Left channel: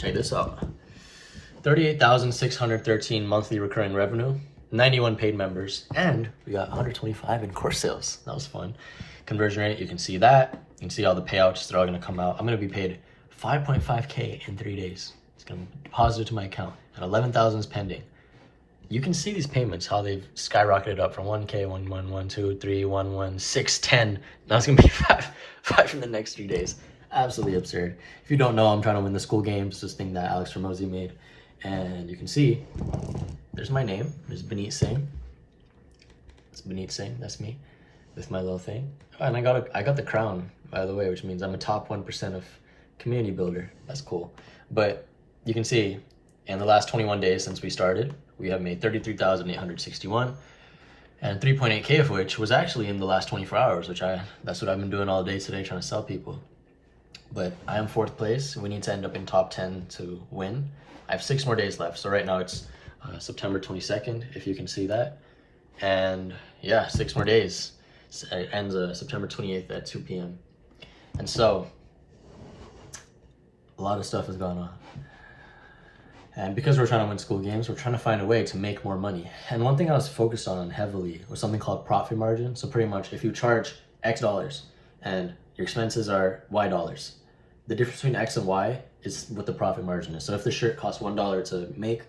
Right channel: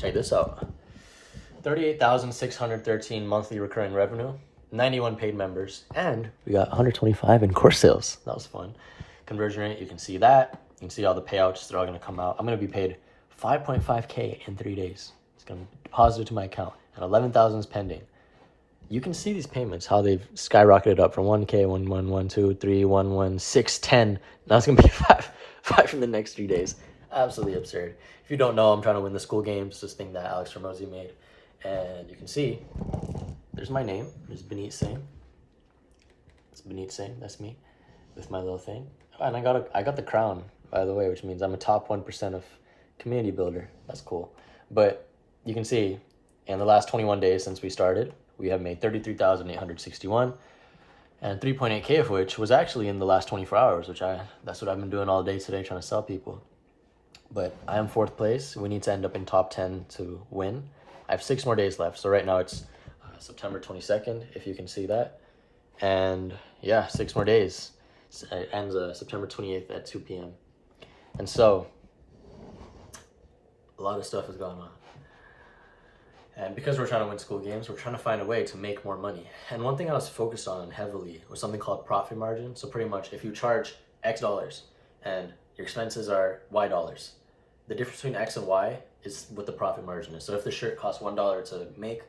check this out. 38,613 monthly recurring revenue, 91 paid members, and we got 125 in course sales. That was fun. Conversion rate, you can see that. You can see all the payouts that are all going to come out. I'm going to be paid 5.5K in 3 days. It's going to be deposited to my account, and 11,000 is pending. You can see these payments, how they've skyrocketed up from 1K, 1, 1, 1, 2, 3, 1, 1, 6, 10. Now it's going to be 5 in the next 3 days. Absolutely absurd. If you don't know, I'm trying to win the school games, this thing that Alex Ramosi made. And you can see, there's my name. There's Baneet Singh. It's Baneet Singh, that's me, with my little thing. Oh, and I got the crown, by the way, which means I'm a top 1% of community builder. That's cool. But you can see, in the last 21 days since we started, we have made 33,861, and 3.8K of which was actually in the last 24 hours, that's what I've been doing all day today, trying to sell people. But I am 4th place. We need to end up in top 10 to win. I have 6 more days left. So right now it's September 22nd, if you can see that. And yeah, 6 more days. It ends September 28th at 2 p.m. And so a lot of stuff has gone on. And because we're trying to win school games, we're trying to find a way to make more money. And one thing I was focused on heavily was something called profit margin. So pretty much if you charge X dollars and your expenses are Y dollars, the difference between X and Y is what the profit margin is. So if the shirt costs $1 to make,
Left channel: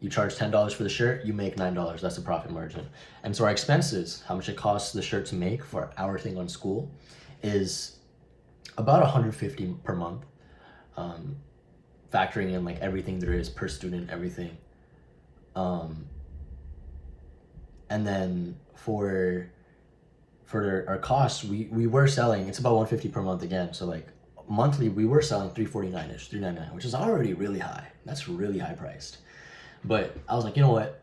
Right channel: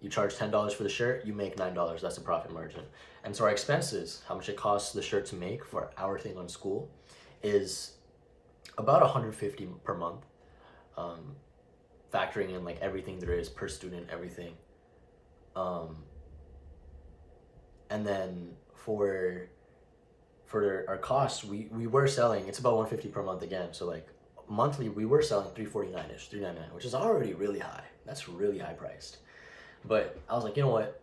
you charge $10 for the shirt, you make $9. That's the profit margin. And so our expenses, how much it costs the shirt to make for our thing on school, is about $150 per month. Factoring in like everything there is per student, everything. And then for our costs, we were selling, it's about $150 per month again. So like monthly, we were selling $349-ish, $399, which is already really high. That's really high priced. But I was like, you know what?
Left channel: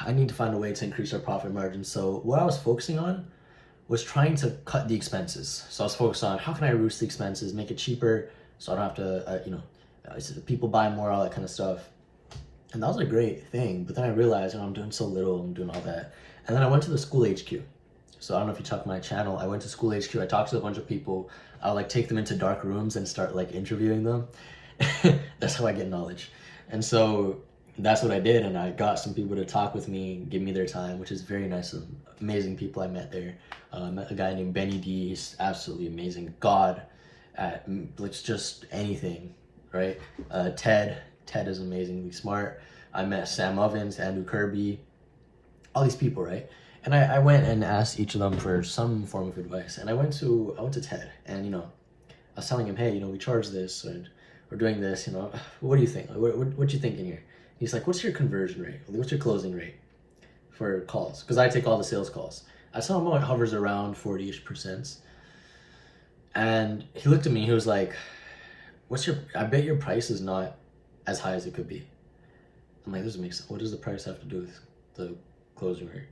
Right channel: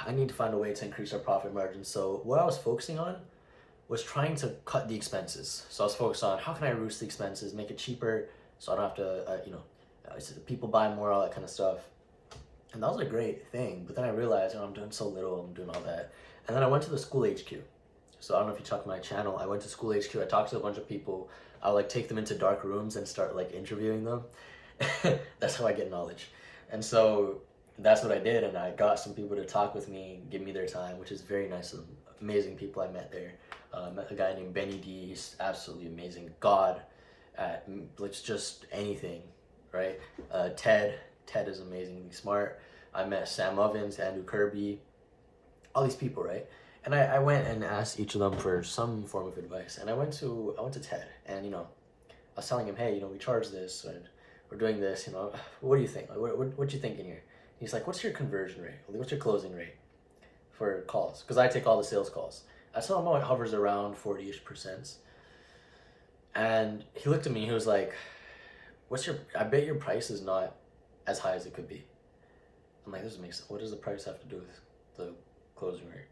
I need to find a way to increase our profit margin. So what I was focusing on was trying to cut the expenses. So I was focused on how can I reduce the expenses, make it cheaper, so I don't have to, people buy more, all that kind of stuff. And that was a great thing. But then I realized, I'm doing so little, I'm doing all that. And then I went to the school HQ. So I don't know if you checked my channel. I went to school HQ. I talked to a bunch of people. I'll like take them into dark rooms and start like interviewing them. That's how I get knowledge. And so that's what I did. And I got some people to talk with me, give me their time, which is very nice. Some amazing people I met there. I met a guy named Baneet. He's absolutely amazing. God at like just anything, right? Ted is amazingly smart. I met Sam Ovens, Andrew Kirby, all these people, right? And I went and asked each of them for some form of advice. And I went to Ted, and I was telling him, hey, we charge this, and we're doing this, what do you think? What you thinking here? He's like, what's your conversion rate? What's your closing rate for calls? Because I take all the sales calls. I saw him it hovers around 40-ish%. And he looked at me, he was like, I bet your price is not as high as it could be. I'm like, this doesn't make sense. What does the price have to do with the closing rate?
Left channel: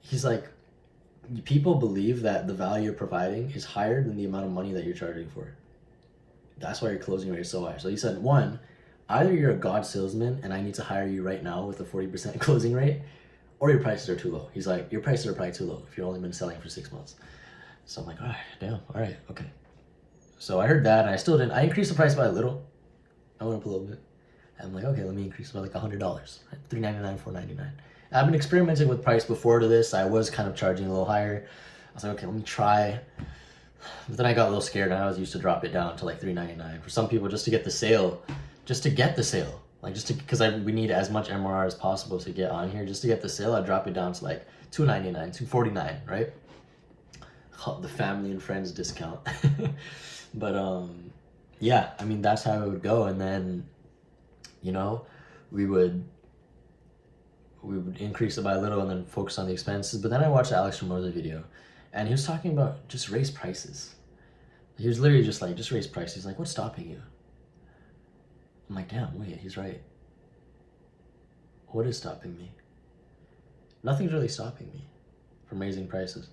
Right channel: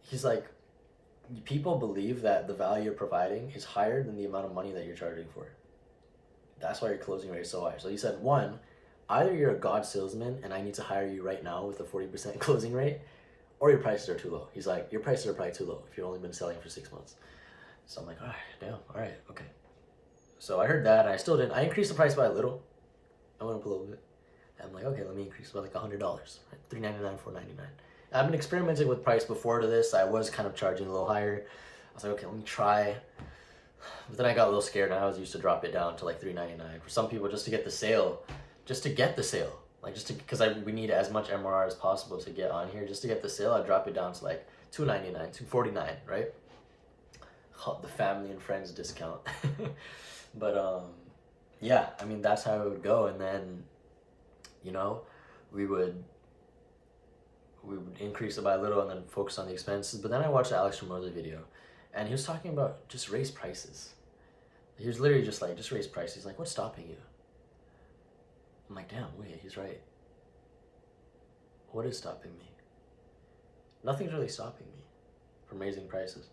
He's like, people believe that the value you're providing is higher than the amount of money that you're charging for. That's why your closing rate is so high. So he said, one, either you're a God salesman and I need to hire you right now with a 40% closing rate, or your prices are too low. He's like, your prices are probably too low if you've only been selling for 6 months. So I'm like, all right, damn, all right, okay. So I heard that, and I still didn't. I increased the price by a little. I went up a little bit. I'm like, okay, let me increase by like $100. $399, $499. I've been experimenting with price before to this. I was kind of charging a little higher. I was like, okay, let me try. But then I got a little scared, and I was used to drop it down to like $399 for some people just to get the sale. Like because we need as much MRR as possible to get on here. Just to get the sale, I drop it down to like $299, $249, right? The family and friends discount. But yeah, I mean, that's how it would go. And then we would increase it by a little and then focus on the expenses. But then I watched the Alex Ramosi video, and he was talking about just raise prices. He was literally just like, just raise prices. He's like, what's stopping you? I'm like, damn, wait, he's right. What is stopping me? Nothing's really stopping me from raising prices.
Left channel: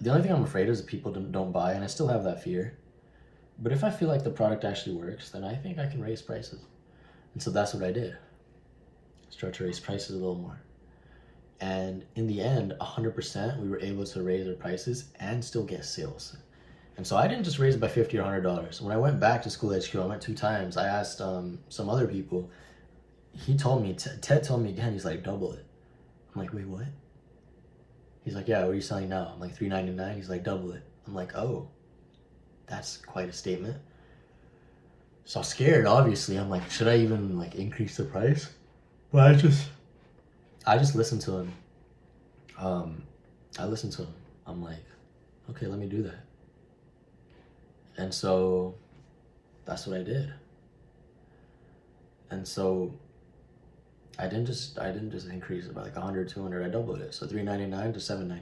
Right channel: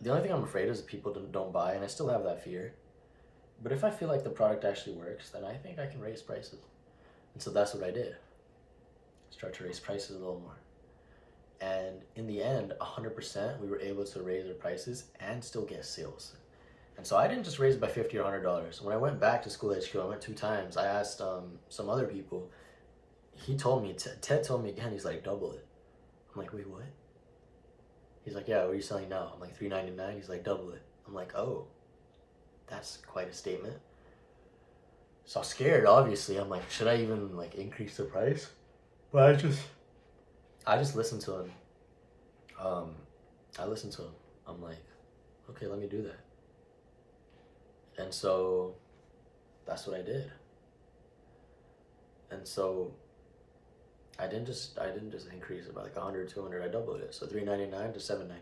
The only thing I'm afraid is that people don't buy, and I still have that fear. But if I feel like the product actually works, then I think I can raise prices. And so that's what I did. Start to raise prices a little more. And in the end, 100%, we were able to raise our prices and still get sales. And so I didn't just raise it by 50 or $100. When I went back to school HQ, I went 2 times. I asked some other people. He told me, Ted told me again, he's like, double it. I'm like, wait, what? He's like, yeah, what are you selling now? I'm like, $3.99. He's like, double it. I'm like, oh, that's quite a statement. So I'm scared, obviously. I'm like, should I even like increase the price? But I just listened to him. I listened to him. I'm like, okay, let me do that. And so that's what I did. And so I didn't just increase it by like 100, 200. I doubled it. So $3.99 to $7.99.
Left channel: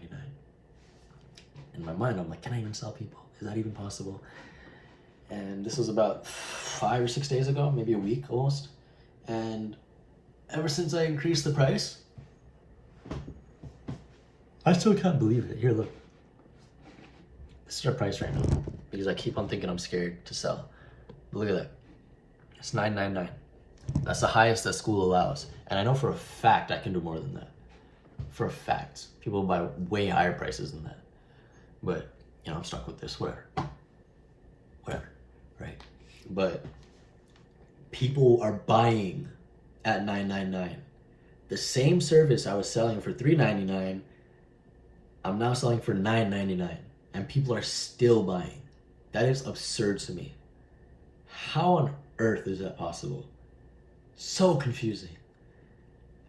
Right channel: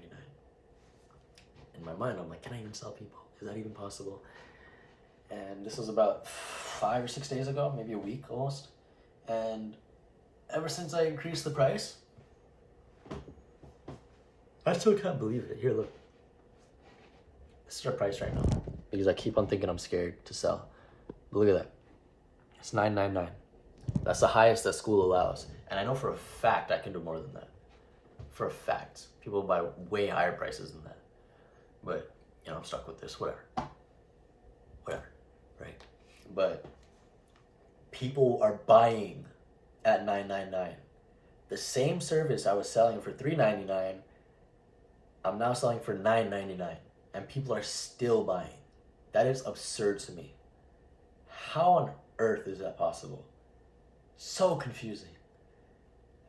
In my mind, I'm like, can I even sell people? Is that even possible? And this was about 5 or 6 days ago, maybe a week almost. And ever since I increased the price, I still can't believe it. Here, look. This is our price right now. Because I keep on thinking I'm scared to sell. But look at that. It's $9.99. That's the highest that school allows. And I know for a fact I can do more than that. For a fact. People buy way higher prices than that. But, you know, I'm stuck with this. Whatever. Right? But people are buying at $9.99. The same service I was selling for $3.99, I'm now selling for $9.99. And people are still buying. That is absurd to me. How on earth is that possible? So confusing.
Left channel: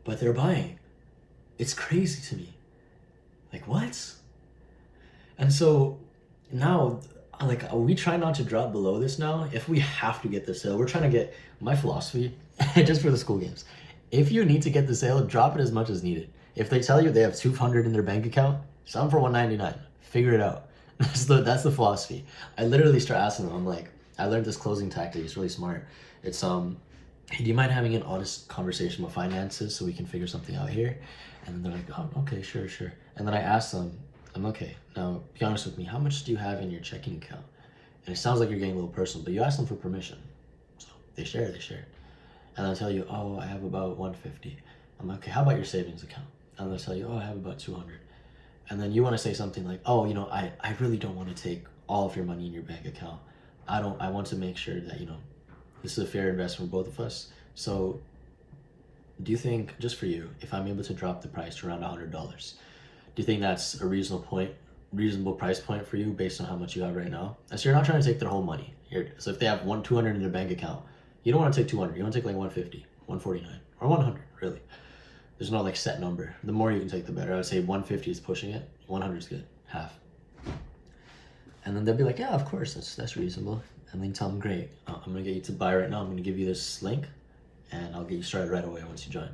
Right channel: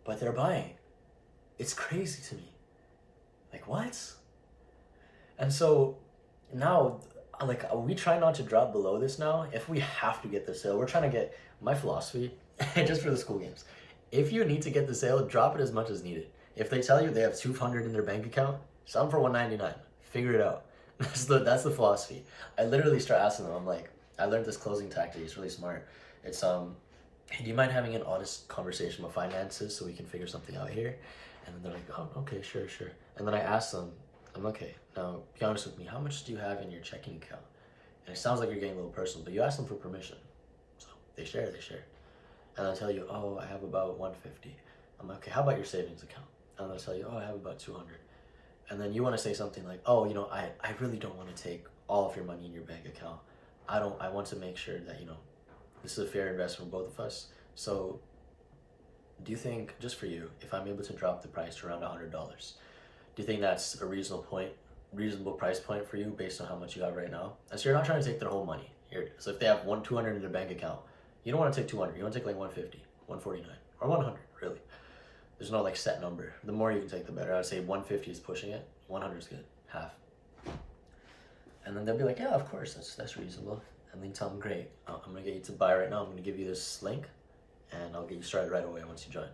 But they're buying. It's crazy to me. Like, what? And so now, like, we try not to drop below this now. If we have to get the sale, we're trying to get, my philosophy, just for the school games, if you need to get the sale, drop it as much as needed. If they tell you they have 200 in their bank account, sell them for $199. Figure it out. That's the philosophy. I literally start asking them. I'm like, I learned this closing tactic. It's really smart. It's hey, do you mind having an honest conversation about finances so we can figure something out here? And then they're like, oh, okay, sure. And then I ask them, I'm okay. Now, be honest with me. How much do you have in your checking account? And it sounds like you're getting a little personal, but you ask them for permission. So they share. And they'll tell you, oh, I have about 150. I'm like, okay, how about your savings account? And they'll tell you, oh, I have about 200. And then you want to say something like, oh, you know, I really don't want to take all of your money in your bank account. I want to make sure that, you know, this is a fair investment for both of us. So do you think, just for you, if I'm able to drop the price to around $100, do you think that's a reasonable price point for you based on how much you have right now? And so you're not trying to take their whole money. So if they have 200 in their bank account, you don't want to take 200. You want to take like 150, 149, or 100, really. There's no like set number. The more you can take, the better. I would say 150 is pushing it. 100 is good, half. And then they'll be like, yeah, of course, that's reasonable. And then tell them, great, I'm gonna get you to buy right now. I'm gonna give you this link, and I'll get you started right away once you join.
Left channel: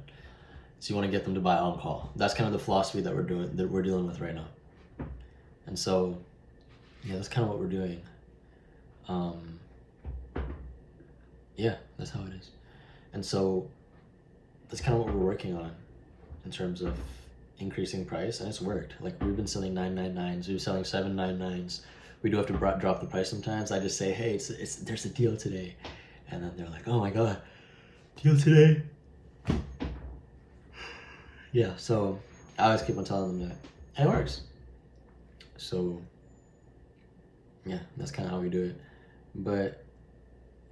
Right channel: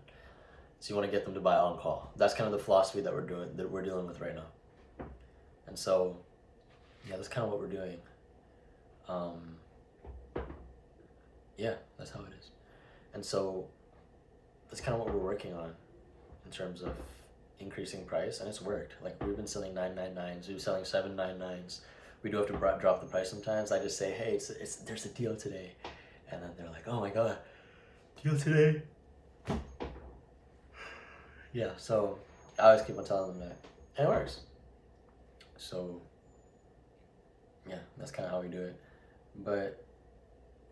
So you want to get them to buy on call. That's kind of the philosophy that we're dealing with right now. And so, yeah, that's kind of what we're doing. Yeah, that's how it is. And so that's kind of what we're working on in terms of increasing price, and it's worked. Like, we've been selling 999s, we've been selling 799s. We do have to drop the price sometimes. I just say, hey, there's a deal today, and then they're like, oh my god, deal today. Yeah, so I always keep on telling them that, and it works. So yeah, that's kind of how we do it. But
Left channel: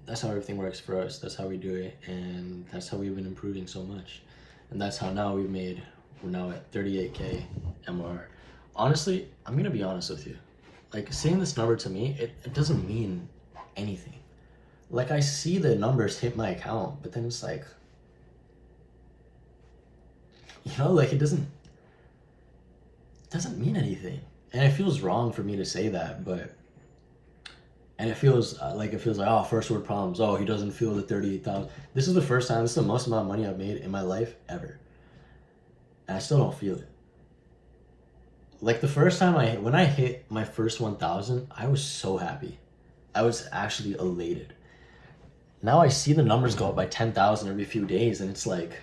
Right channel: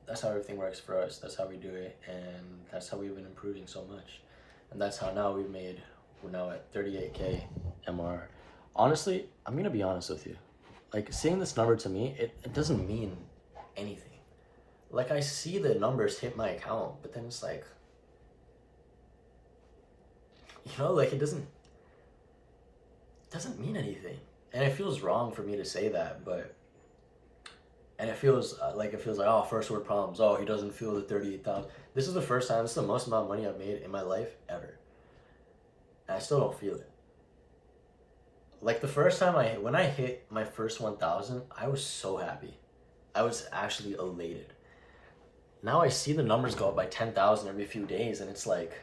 that's how everything works for us. That's how we do it, and that's how we've been improving so much. And that's how now we're now at 38K MR. Honestly, I'm gonna be honest with you. Like, seeing this number to me, it doesn't mean anything. Like, I see the numbers hit my account, but then it's like, you know, like, it doesn't mean anything. And it feels wrong for me to say that, and it feels like, oh, first world problems. Oh, he doesn't feel the 38,000. This is the first time, this is the most amount of money I've made in my life ever. And I still don't feel it. Like, the first time when I hit my first 1,000, I was so happy. I was actually elated. Now I see the numbers go up by 10,000 every few days, and it's like,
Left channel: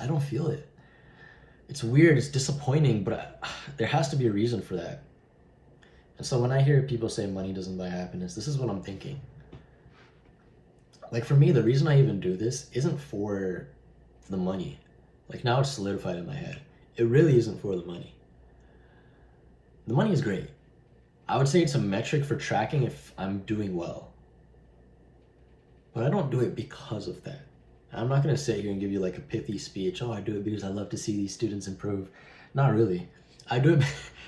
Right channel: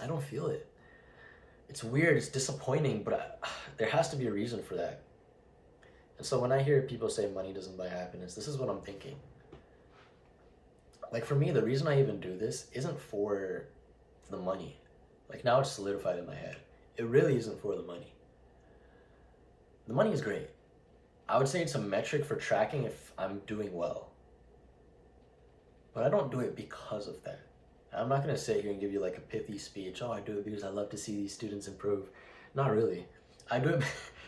I don't feel it. It's weird, it's disappointing, but there has to be a reason for that. And so when I hear people say money doesn't buy happiness, this is what I'm thinking. Like, for me, the reason I even do this isn't for the money. Like, now it's solidified in my head. It really isn't for the money. The money is great. I would say it's a metric for tracking if I'm doing well. But I don't do it because of that. I'm not going to sit here and give you like a pithy speech. Oh, I do it because I love to see these students improve. Not really. I do it.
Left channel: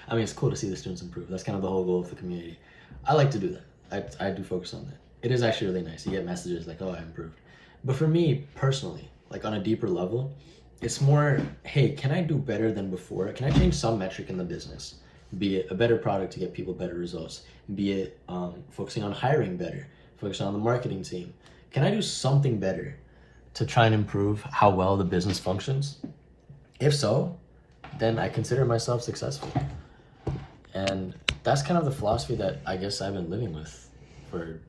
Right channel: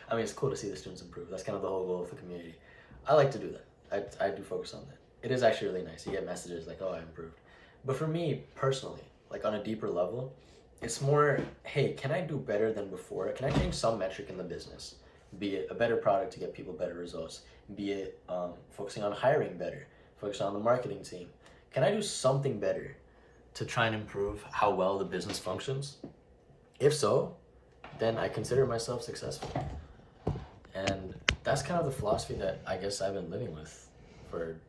I mean, it's cool to see the students improve. That's kind of the whole goal of the community. I like to do that. I do focus on that. It is actually really nice. You get messages like, oh, I improved. But for me personally, like on a deeper level, it's more, hey, can I do better than before? Can I change some metric in the business? Be it a better product to get people better results. Be it focusing on hiring better. Focusing on the marketing team. Can I do something better to try and improve how well the business functions? If so, then I consider myself successful. And that's kind of the philosophy that I guess I've been living with for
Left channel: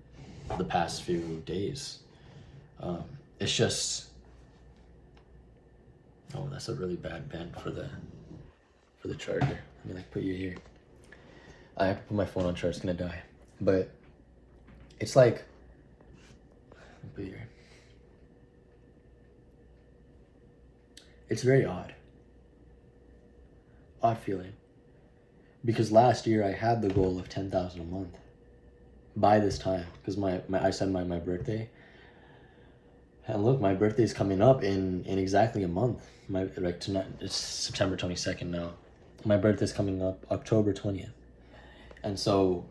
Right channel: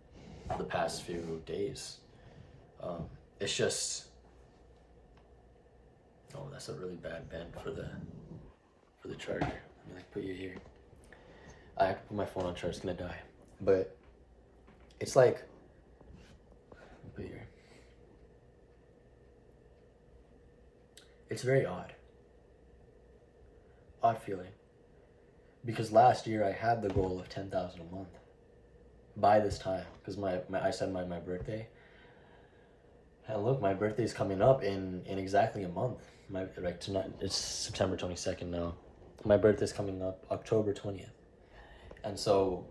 the past few days. It's just, oh, that's a really bad bend for the charger. Let me like put you here. I have to put my phone on charge, it's gonna die. But it's like, put you here. It's very odd feeling, because last year I had the goal of 10,000 a month by this time, because I said my birthday, and look, my birthday is coming up in exactly a month. Tonight it's September 22nd now. My birthday's coming up October 20th, and so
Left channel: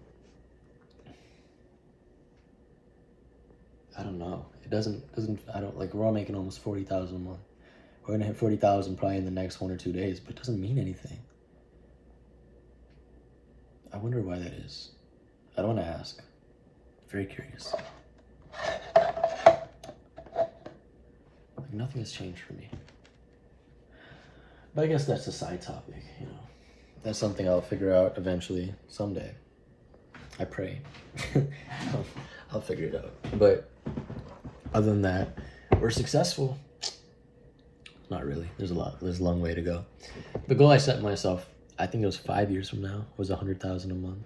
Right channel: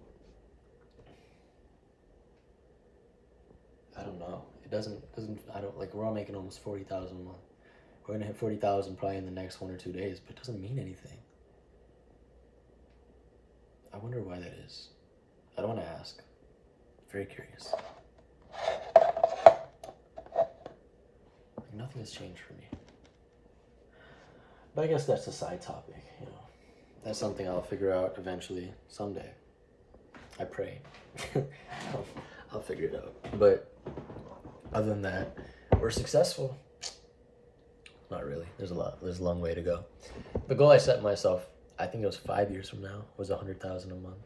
I don't know. It doesn't. I don't like. We're all making almost 40,000 a month. We're gonna hit 40,000 probably in the next 1 or 2 days, but it doesn't mean anything. I wonder why that is. I don't want to ask. Very curious. Like nothing has changed for me. But I guess that's a side topic, you know. That's something I'll figure out eventually, someday. I pray. I'll figure it out. But other than that, we're successful. Not really. There's a long way to go. The goal I set myself, I think it was 5 years from now, was 100,000 a month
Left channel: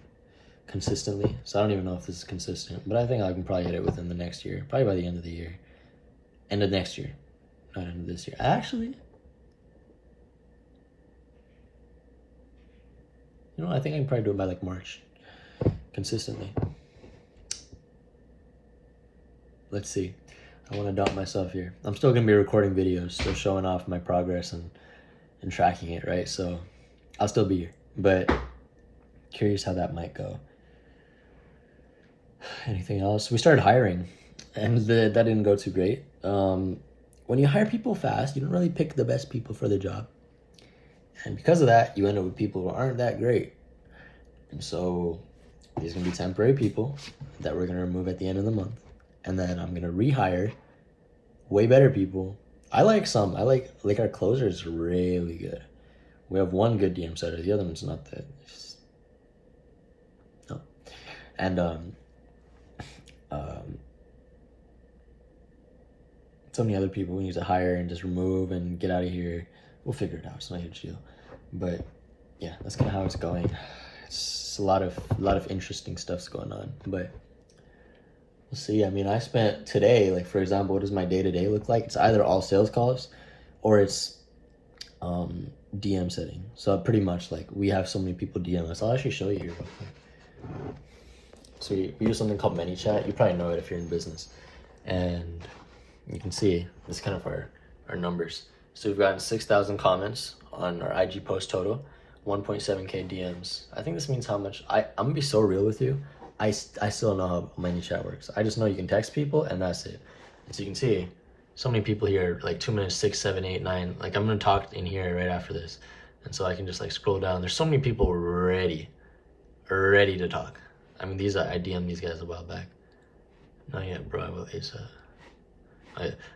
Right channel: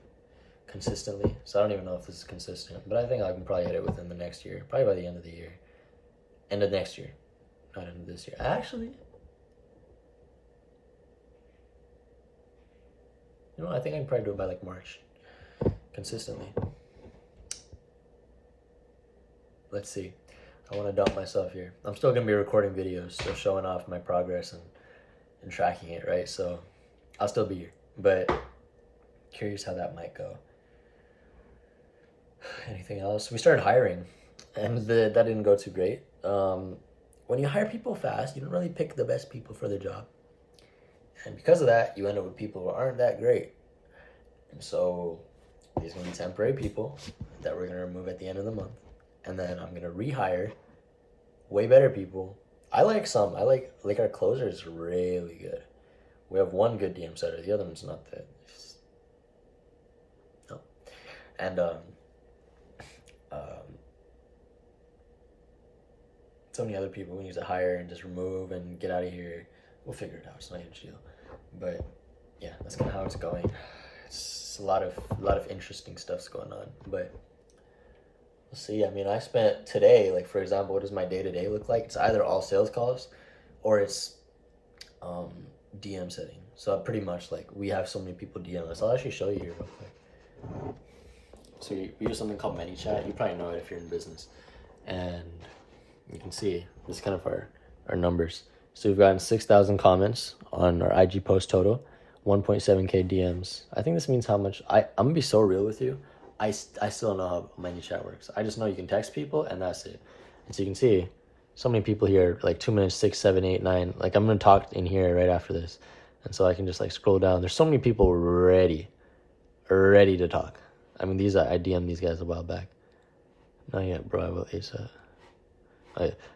consistently. So I don't even know if this is consistent, but I think I can probably hit it within the next year, probably by the end of the year. End of next year, not end of this year. Actually, you know, I think I can probably do it by like March, consistently. Let's see. I want to doubt myself here. I'm still going to be recording videos, so showing off my progress and tracking it, right? So I'll still be here, but curious how that might go. Anything else? We started hiring, and that didn't go too great. When you hire people fast, you don't really pick the best people for the job. And because of that, you end up with people who aren't that great. And so these are going to be temporary people that we're going to remove at the end of the month. And then I'm going to rehire way better people. I like some. I like our closer is really good. We have one good DM setter. The other one's not that. No. And so many other people we need to hire and just remove and get out of here. We'll figure it out. It's not a huge deal. But yeah, that's kind of how it's going. It's a lot of interesting stuff's going on. But we'll see. I mean, I spent today, like for example, what does my day-to-day look like? It's either all sales calls or it's DM setting. So pretty much like we have so many people DM us. I'll actually show you here real quick. So we use something called ManyChat. You probably know it if you're in business. And you can see this is kind of our numbers. So we've gotten 6,000 comments on our IG post total, 1.7K DMs. I think this means how much, I'm gonna be so real with you. I still don't know how ManyChat works. I just know you can text people and that's it. And so you can see so many people here, like 2 minutes, 6, 7, 8, 9. Like I'm gonna talk in here right after this. And so I can just like scroll down. There's so many people ready to talk. I mean, I DM'd these guys a while back. Not yet, bro, I will ASAP.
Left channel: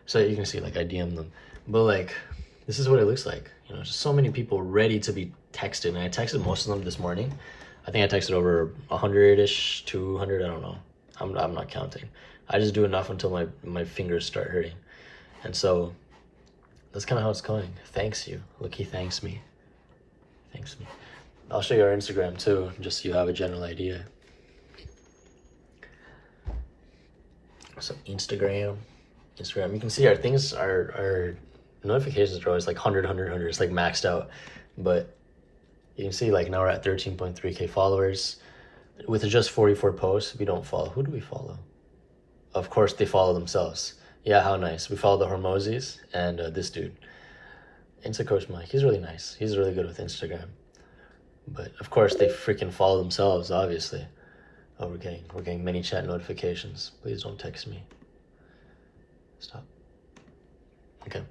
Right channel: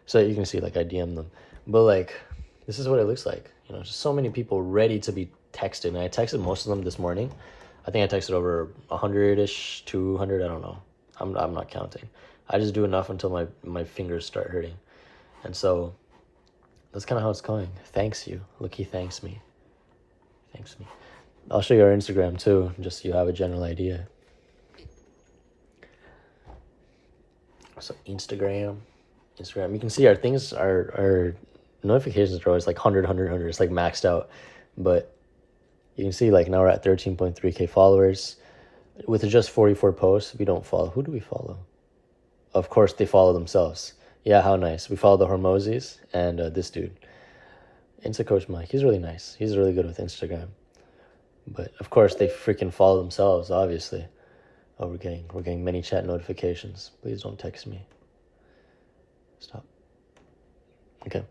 So you can see like I DM'd them. But like, this is what it looks like. You know, just so many people ready to be texted. And I texted most of them this morning. I think I texted over 100-ish, 200, I don't know. I'm not counting. I just do enough until my fingers start hurting. And so that's kind of how it's going. Thanks you. Look, he thanks me. Thanks me. I'll show you our Instagram too, just so you have a general idea. So Instagram, you can see our things, our notifications are always like 100, it's like maxed out. But You can see like now we're at 13.3K followers with just 44 posts. We don't follow. Who do we follow? Of course, they follow themselves. Yeah, how nice. We follow the Hormozis and this dude. Insta Coach Mike. He's really nice. He's really good with Instagram. But of course, they freaking follow themselves, obviously. Oh, we're getting many chat notifications. Please don't text me. Stop. Okay.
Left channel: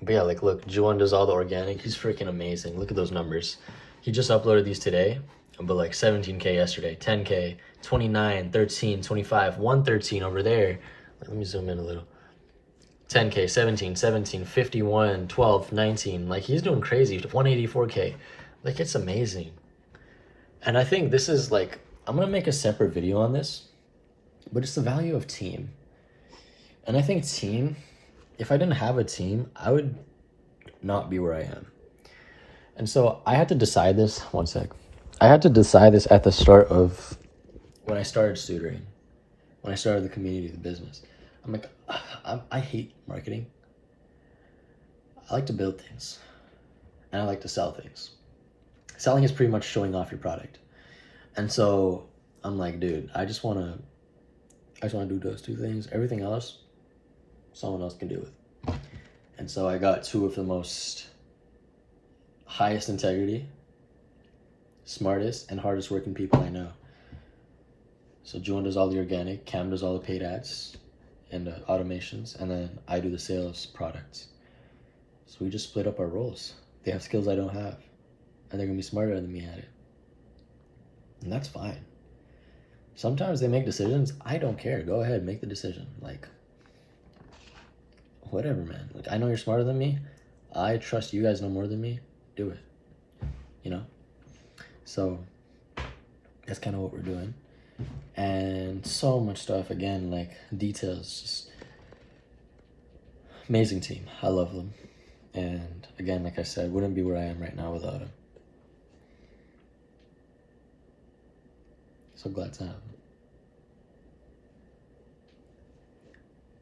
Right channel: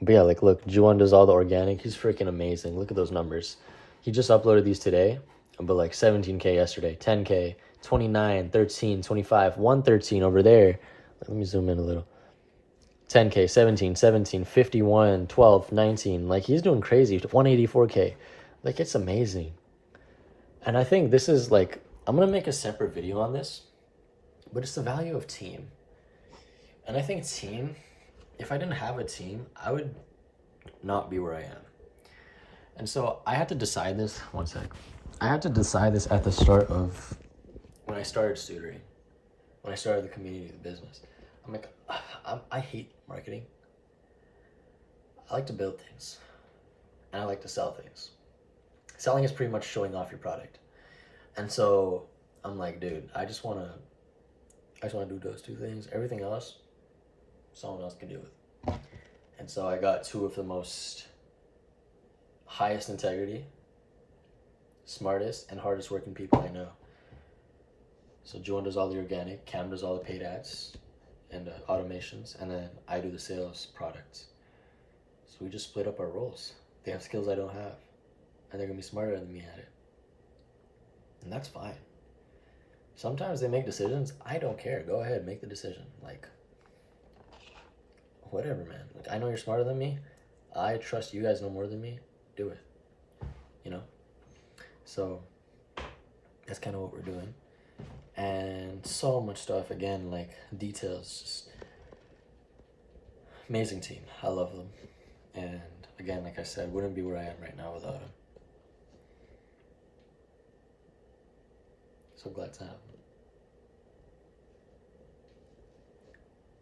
But yeah, like, look, Juwan does all the organic. He's freaking amazing. Look at those numbers. He just uploaded these today, but like 17K yesterday, 10K, 29, 13, 25, 113 over there. Let me zoom in a little. 10K, 17, 17, 51, 12, 19. Like, he's doing crazy. 184K. Like, it's amazing. And I think this is like, I'm going to make a separate video on this, but it's the value of team. And I think team, if I didn't have a team, I would not be where I am. And so I had to decide this. One sec. I had to decide this at the start of when I started tutoring, when I started the community, the business. I'm like, I hate marketing. I like to build things, and I like to sell things. Selling is pretty much showing off your product. And so I'm like, dude, I just want to do those two things. Everything else, someone else can do it. And so I got two of the most highest integrity, smartest, and hardest working people I know. So Juan does all the organic, Cam does all the paid ads and automations, and then I do the sales products. So we just split up our roles. They have skills I don't have, and they're gonna be smarter than me at it. And that's fine. Sometimes they make decisions. I don't care. Go ahead, make the decision. Like, whatever, man. Like, I know you're smarter than me. I trust you guys know more than me. Do it. You know? So that's kind of what we're doing. And so much stuff, again, like details, just amazing team. I love them. And again, like I said, wouldn't be where I am right now without them. So glad to have them.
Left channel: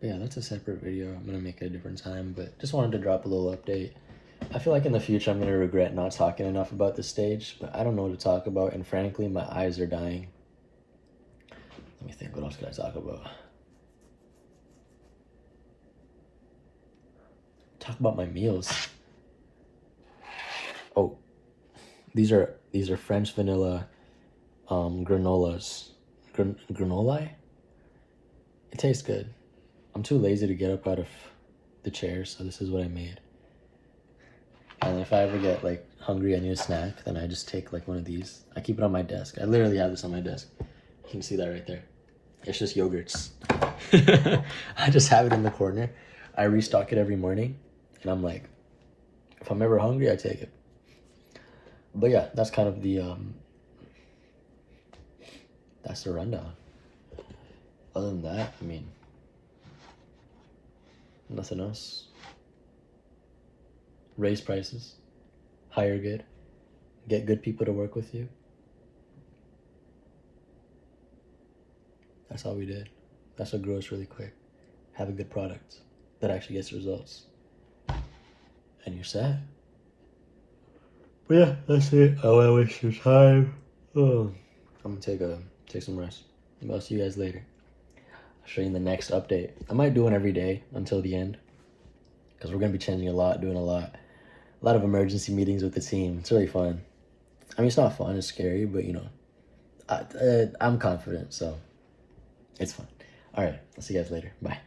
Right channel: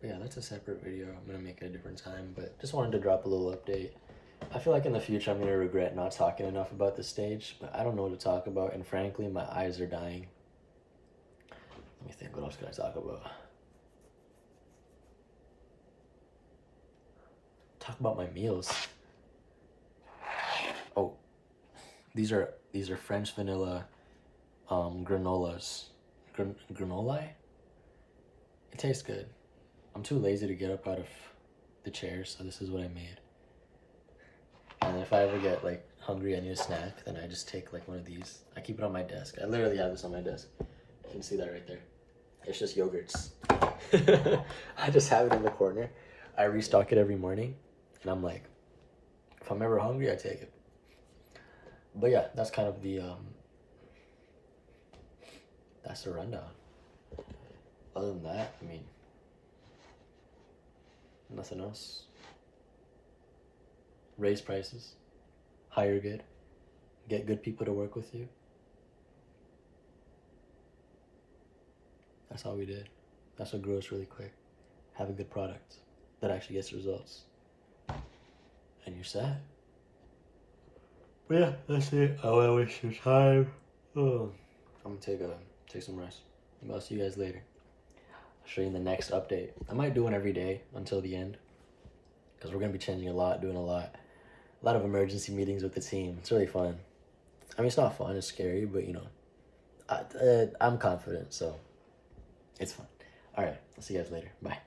But yeah, that's a separate video. I'm gonna make it a different time, but just wanted to drop a little update. I feel like in the future I'm gonna regret not talking enough about this stage, but I don't know what to talk about, and frankly, my eyes are dying. Let me think, what else could I talk about? Talk about my meals. Oh, these are French vanilla granolas. Granola? It tastes good. I'm too lazy to get up out of the chair, so this is what I made. And if I ever get like hungry, I need a snack, then I just take like one of these. I keep it on my desk. I literally have this on my desk. You can see that right there. It's just yogurts. I just have it in the corner. I restock it every morning, and I'm like, if I'm ever hungry, I take it. But yeah, that's kind of the that's the rundown. Other than that, I mean, nothing else. Raise prices, hire good, get good people to work with you. That's all we did. That's what grows really quick. Have a good product that actually gets results. And you're set. But yeah, that's it. I don't want to waste your time. Oh. I'm gonna take some rest. Maybe I'll see you guys later. I'll show you in the next update. I might do one every day until the end, because we're gonna be changing a lot, doing a lot of emergency meetings with the team. It's really fun. I mean, it's not fun, it's scary, but you know, I'm confident, so it's fun. All right, I'll see you guys later. Bye.